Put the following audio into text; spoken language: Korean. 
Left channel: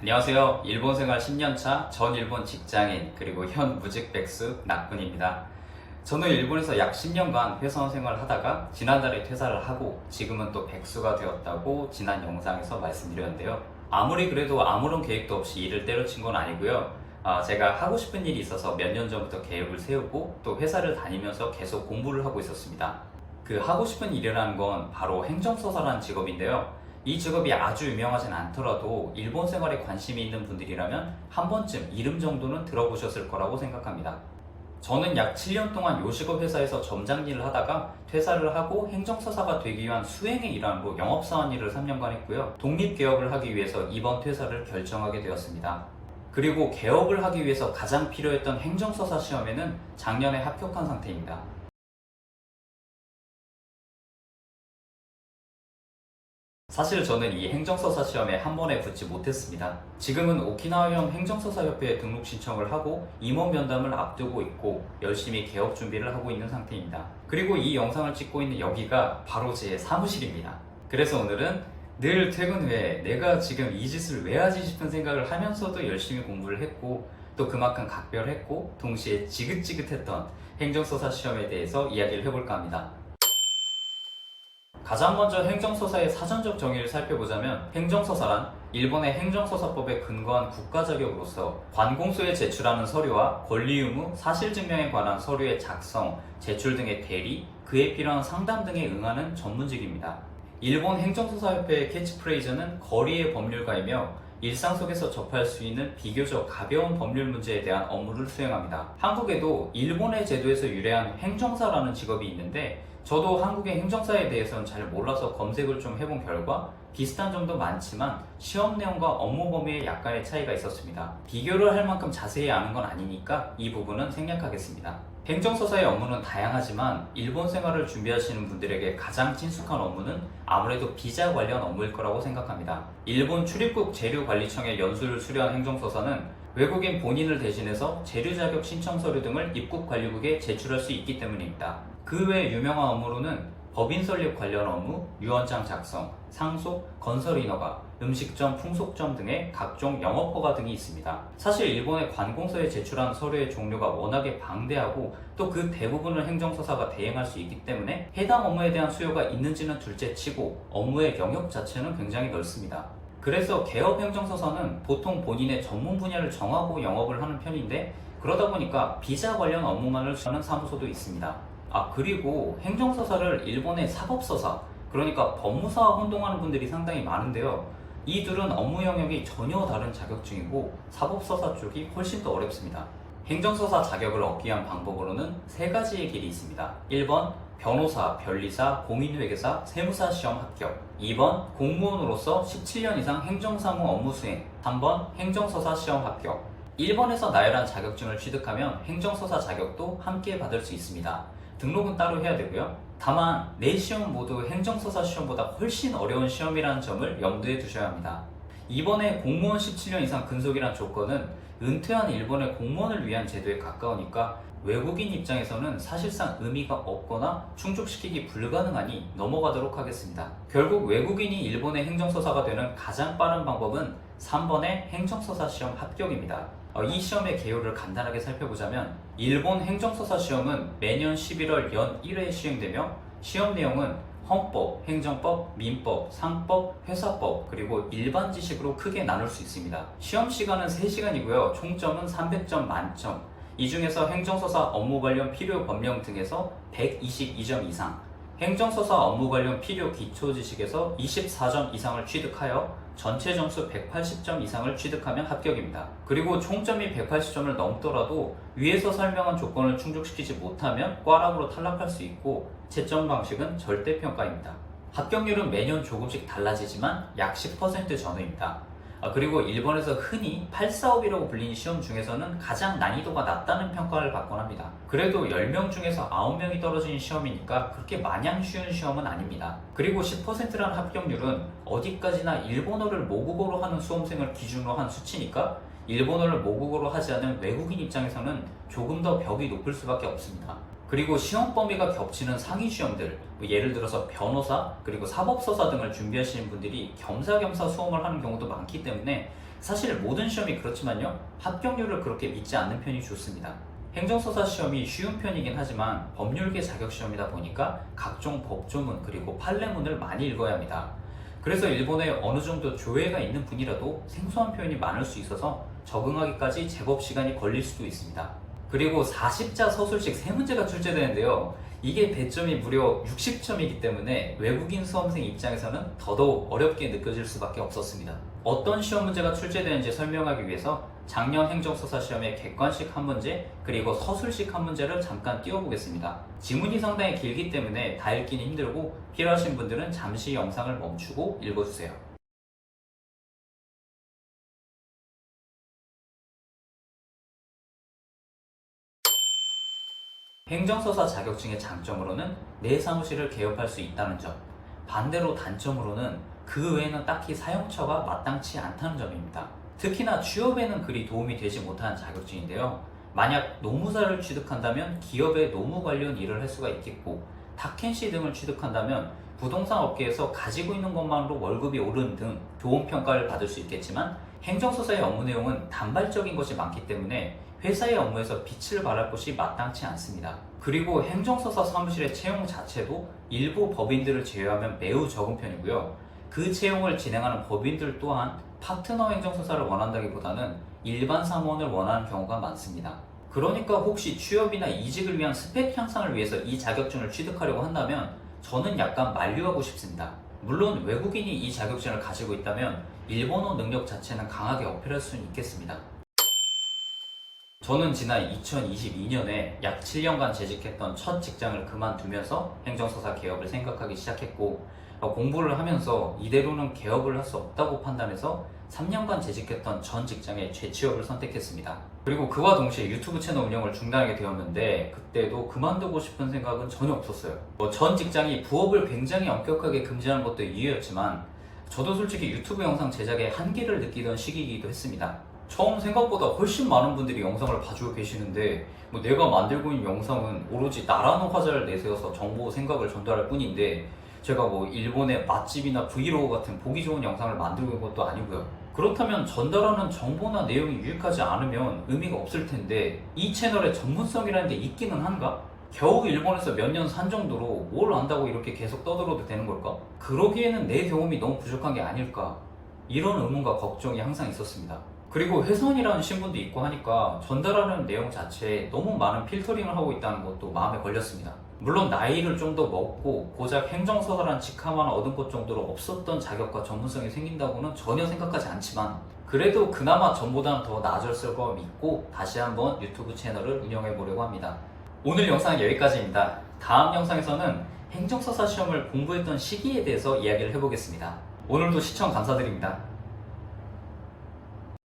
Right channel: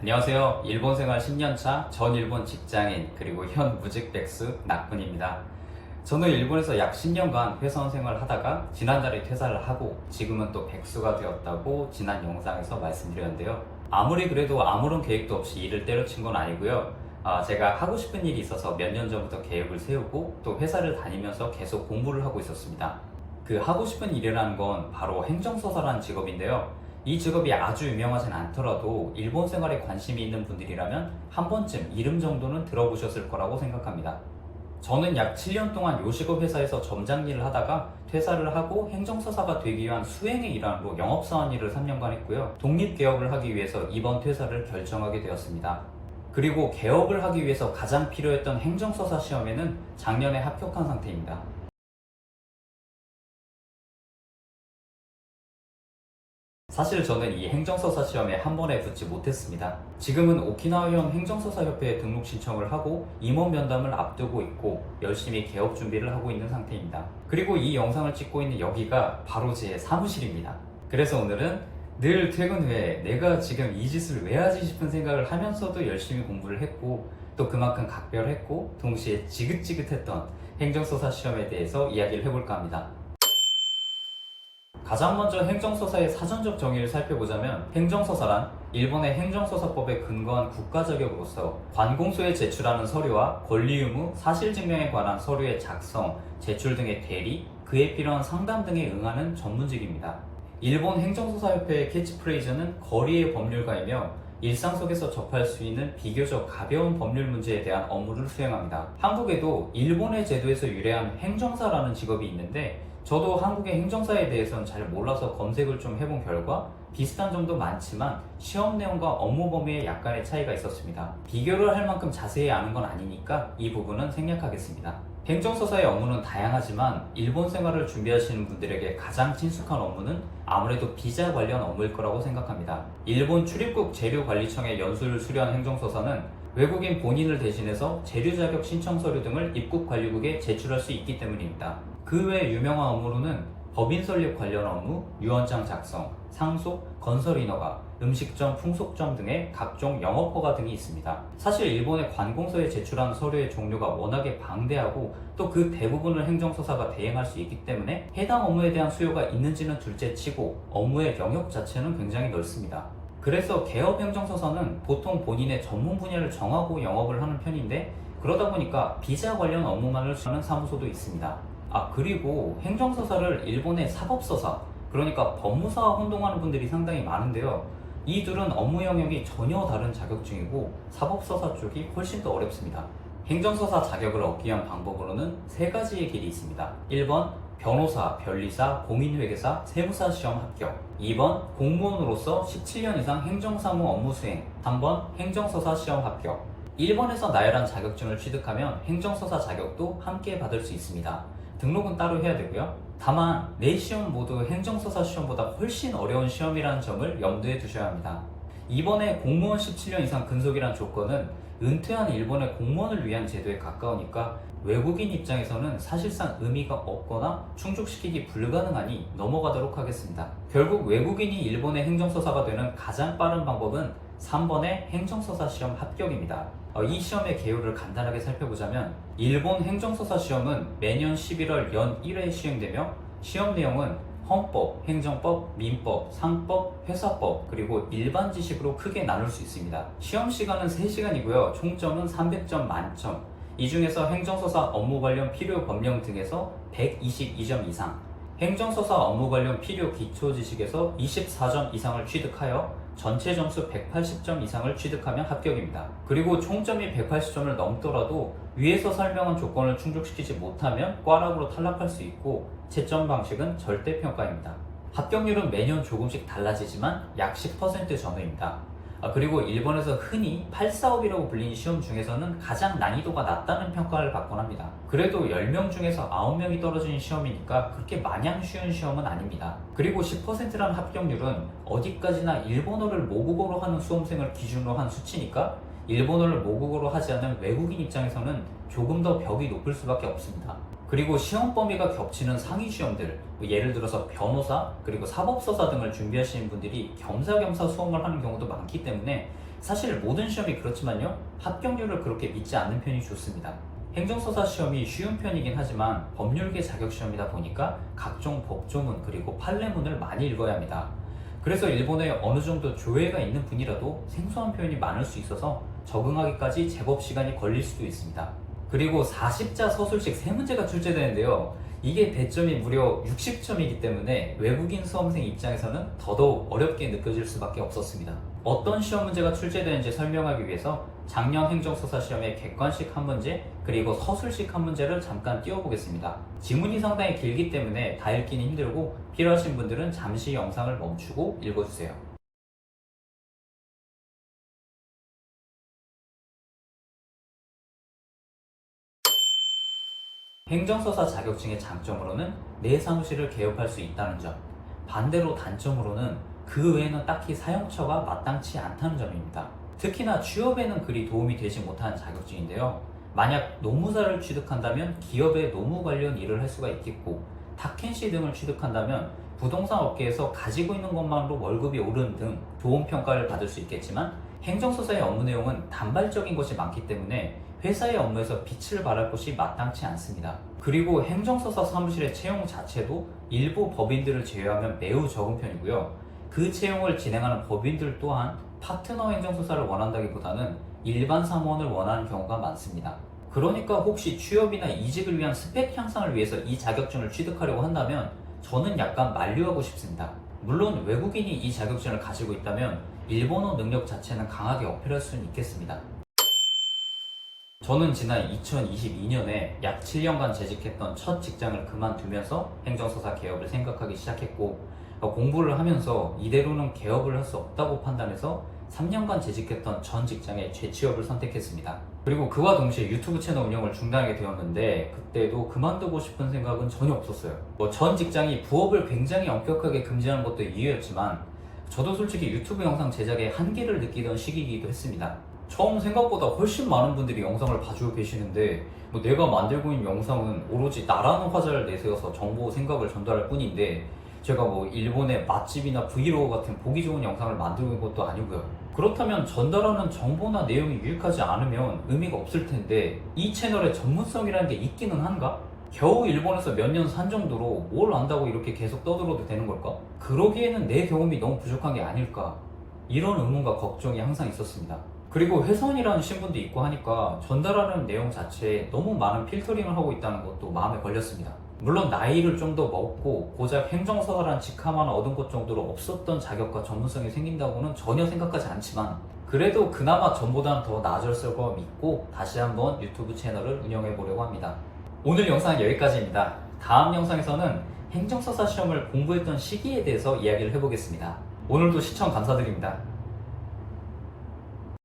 안녕하세요. 일본 생활 10년차 전 일본 직장인 그리고 현 무직 백수 낙군입니다. 저는 일본에서 약 10년간 회사원 생활을 하다가 지난달에 퇴사를 하고 지금은 또 백수가 되었다고 지난 영상에서 말씀드렸는데요. 아무리 그래도 아무런 계획도 없이 일을 때려친 건 아니고요. 제가 하고 싶은 일이 있어서 몇 년 전부터 계획을 세우고 또 회사를 다니면서 계속 공부를 하고 있었습니다. 그 하고 싶은 일이라는 건 바로 행정서사라는 직업인데요. 이 직업이 아주 유명하진 않더라도 일본 생활에 관심이 있는 분들이라면 한 번쯤 이름 정도는 들어보셨을 거라고 생각합니다. 저는 약 7년 동안 요식업 회사에서 점장 일을 하다가 퇴사를 하고 행정서사가 되기 위한 수행의 일환으로 영업사원 일을 3년간 했고요. 독립개업을 하기 위해서 이번 퇴사를 결정하게 되었습니다. 그리고 개업을 하기 위해서 가장 필요했던 행정서사 시험에는 작년에 합격한 상태입니다. 사실 저는 이 행정서사 시험에 한 번에 붙지 못했습니다. 지금은 오키나와현 행정서사협회에 등록 신청을 하고 임원 면담을 앞두고 있고 열심히 개업 준비를 하고 있는 상태입니다. 그리고 이 영상을 찍고 있는 여기가 바로 제 사무실입니다. 그래서 오늘은 늘 퇴근 후에 내가 지금 이 짓을 왜 하지 싶은 생각을 하면서도 열심히 공부를 했고 또 그만큼 각별했고 동시에 지긋지긋했던 행정서사 시험에 대해서 이야기를 해볼까 합니다. 가장 먼저 행정서사의 사전적 정의를 살펴보자면 행정서사란 일본의 행정서사법에 근거한 국가자격으로서 관공서에 제출하는 서류와 권리 의무, 사실증명에 관한 서류의 작성, 제출 등의 대리, 그에 필요한 상담 등에 응하는 전문직입니다. 일본 행정서사협회의 캐치프레이즈는 거리의 법률가이며 일상 속에서 접할 수 있는 비교적 가벼운 법률 문제에 대한 업무를 수행합니다. 한국에도 일본의 제도에서 유래한 행정사라는 직업이 있는데 저도 한국의 행정사에 대해서는 잘 몰라서 검색을 좀 해본 결과 비슷한 점도 많지만 시험 내용과 업무 범위에 약간의 차이가 있었습니다. 비교를 할 만큼 자세히 아는 건 아니니까 이 부분은 생략하겠습니다. 행정서사의 업무는 다양하지만 일본 생활을 준비하시는 분들에게 가장 친숙한 업무는 아무래도 비자 관련 업무일 거라고 생각합니다. 일본 출입국 재료관리청의 연수를 수료한 행정서사는 외국인 본인을 대신해서 재료 자격 신청 서류 등을 입국 관리국에 제출할 수 있기 때문입니다. 그 외 유명한 업무로는 법인 설립 관련 업무, 유언장 작성, 상속, 건설 인허가, 음식점, 풍속점 등의 각종 영업허가 등이 있습니다. 사실 일본의 관공서에 제출한 서류의 종류가 워낙에 방대하고 또 그 대부분을 행정서사가 대행할 수 있기 때문에 해당 업무에 대한 수요가 있는지는 둘째치고 업무의 영역 자체는 굉장히 넓습니다. 그래서 개업 행정서사는 보통 본인의 전문 분야를 정하고 영업을 하는 편인데 그러다 보니까 비자 관련 업무만을 하는 사무소도 있습니다. 그리고 행정서사를 일본의 사법서사, 그러니까 법무사와 혼동하는 분들이 상당히 많은데요. 이 둘은 업무 영역이 전혀 다른 자격증이고 사법서사 쪽이 훨씬 더 어렵습니다. 행정서사 자격을 얻기 위한 방법으로는 세 가지의 길이 있습니다. 1번 변호사, 변리사, 공인회계사, 세무사 시험 합격. 2번 공무원으로서 17년 이상 행정사무 업무 수행. 3번 행정서사 시험 합격. 1번에서 나열한 자격증을 취득하면 행정서사 자격도 함께 받을 수 있습니다. 등록은 따로 해야 되고요. 다만 4시험 모두 행정서사 시험보다 훨씬 어려운 시험이라는 점을 염두에 두셔야 합니다. 이번에 공무원 17년 이상 근속이란 조건은 은퇴한 일본의 공무원을 위한 제도에 가까우니까 외국인 입장에서는 사실상 의미가 없거나 충족시키기 불가능하니 넘어가도록 하겠습니다. 결국 외국인이 일본의 행정서사가 되는 가장 빠른 방법은 3번의 행정서사 시험 합격입니다. 이 시험의 개요를 간단하게 살펴보자면 일본 행정서사 시험은 매년 11월 연 1회에 시행되며 시험 내용은 헌법, 행정법, 민법, 상법, 회사법, 그리고 일반 지식으로 크게 나눌 수 있습니다. 시험 시간은 3시간이고요. 총점은 300점 만점. 이 중에서 행정서사 업무 관련 필요 법령 등에서 122점 이상, 행정서사 업무 관련 필요 기초 지식에서 24점 이상을 취득하여 전체 점수 180점 이상을 취득하면 합격입니다. 그리고 총점이 180점을 넘더라도 위에서 설명한 조건을 충족시키지 못하면 꽈락으로 탈락할 수 있고 채점 방식은 절대평가입니다. 합격률은 매년 조금씩 달라지지만 약 10% 전후입니다. 그리고 일본에서 흔히 8사업이라고 불리는 시험 중에서는 가장 난이도가 낮다는 평가를 받곤 합니다. 그래도 10명 중에서 9명이 떨어지는 시험이니까 그렇게 마냥 쉬운 시험은 아닙니다. 그리고 10%라는 합격률은 어디까지나 일본어를 모국어로 하는 수험생을 기준으로 한 수치니까 일본어를 모국어로 하지 않은 외국인 입장에서는 조금 더 벽이 높을 수밖에 없습니다. 그리고 시험 범위가 겹치는 상위 시험들, 예를 들어서 변호사 그리고 사법서사 등을 준비하시는 분들이 겸사겸사 수험을 하는 경우도 많기 때문에 사실 모든 시험이 그렇지만요, 합격률을 그렇게 믿지 않는 편이 좋습니다. 행정서사 시험이 쉬운 편이긴 하지만 법률계 자격시험이다 보니까 각종 법조문 그리고 판례문을 많이 읽어야 합니다. 그래서 일본에 어느 정도 조예가 있는 분이라도 생소한 표현이 많을 수 있어서 적응하기까지 제법 시간이 걸릴 수도 있습니다. 그리고 40자 서술식 3문제가 출제되는데요. 이게 배점이 무려 60점이기 때문에 외국인 수험생 입장에서는 더더욱 어렵게 느껴질 수밖에 없었습니다. 어떤 시험 문제가 출제되는지 설명하기 위해서 작년 행정서사 시험의 객관식 한 문제 그리고 서술식 한 문제를 잠깐 띄워보겠습니다. 지문이 상당히 길기 때문에 다 읽기는 힘들고 필요하신 분들은 잠시 영상을 멈추고 읽어주세요. 행정서사 자격증의 장점으로는 내 사무실을 개업할 수 있다는 점, 반대로 단점으로는 그 외에는 딱히 사용처가 마땅치 않다는 점입니다. 특히나 취업에는 그리 도움이 되지 못하는 자격증인데요. 만약 노무사를 취득한다면 기업의 노무 관련 일을 할 수가 있겠고, 탁켄시 등을 취득한다면 부동산 업계에서 가지고 있는 것만으로 월급이 오르는 등 좋은 평가를 받을 수 있겠지만, 행정서사의 업무 내용은 단발적인 것이 많기 때문에 회사의 업무에서 빛을 발할 곳이 마땅치 않습니다. 그리고 행정서사 사무실의 채용 자체도 일부 법인들을 제외하면 매우 적은 편이고요. 그 채용을 진행하는 법인들 또한 파트너 행정서사를 원한다기보다는 일반 사무원을 원하는 경우가 많습니다. 그러니까 혹시 취업이나 이직을 위한 스펙 향상을 위해서 이 자격증을 취득하려고 한다면 저는 약간 만류하고 싶습니다. 물론 외국인이 이 자격증을 가지고 있다면 일본어 능력 자체는 강하게 어필할 수는 있겠습니다. 저는 지난 2022년에 약 7년간 재직했던 첫 직장을 그만두면서 행정서사 개업을 생각하기 시작했고, 공부를 하면서 이대로는 개업을 할 수 없다고 판단해서 3년간 재직했던 전 직장의 재취업을 선택했습니다. 그리고 그와 동시에 유튜브 채널 운영을 중단하게 되었는데, 그때도 그만두고 싶은 생각은 전혀 없었어요. 전 직장이 부업을 굉장히 엄격하게 금지하는 것도 이유였지만 저도 솔직히 유튜브 영상 제작에 한계를 느끼던 시기이기도 했습니다. 처음 생각보다 훨씬 많은 분들이 영상을 봐주고 계시는데, 내가 만들고 있는 영상은 오로지 나라는 화자를 내세워서 정보 생각을 전달할 뿐인데, 제가 일본의 맛집이나 브이로그 같은 보기 좋은 영상을 만들고 있는 것도 아니고요. 그렇다면 전달하는 정보나 내용이 유익하지 않으면 의미가 없을 텐데, 이 채널에 전문성이라는 게 있기는 한가? 겨우 일본에서 몇 년 산 정도로 뭘 안다고 이렇게 계속 떠들어도 되는 걸까? 그러기에는 내 경험이 너무 부족한 게 아닐까? 이런 의문과 걱정이 항상 있었습니다. 그리고 회선이라는 신분도 있고 하니까 전달하는 내용 자체에 너무 많은 필터링을 하고 있다는 것도 마음에 걸렸습니다. 물론 나이를 좀 더 먹고 고작 행정서사란 직함 하나 얻은 것 정도로 없었던 자격과 전문성이 생긴다고는 전혀 생각하지 않지만, 그래도 그나마 전보다는 더 나아졌을 거 믿고 다시 한번 유튜브 채널을 운영해 보려고 합니다. 오늘 영상은 여기까지입니다. 다음 영상에서는 행정서사 시험을 공부했던 시기에 대해서 이야기를 해보겠습니다. 오늘도 시청 감사드립니다.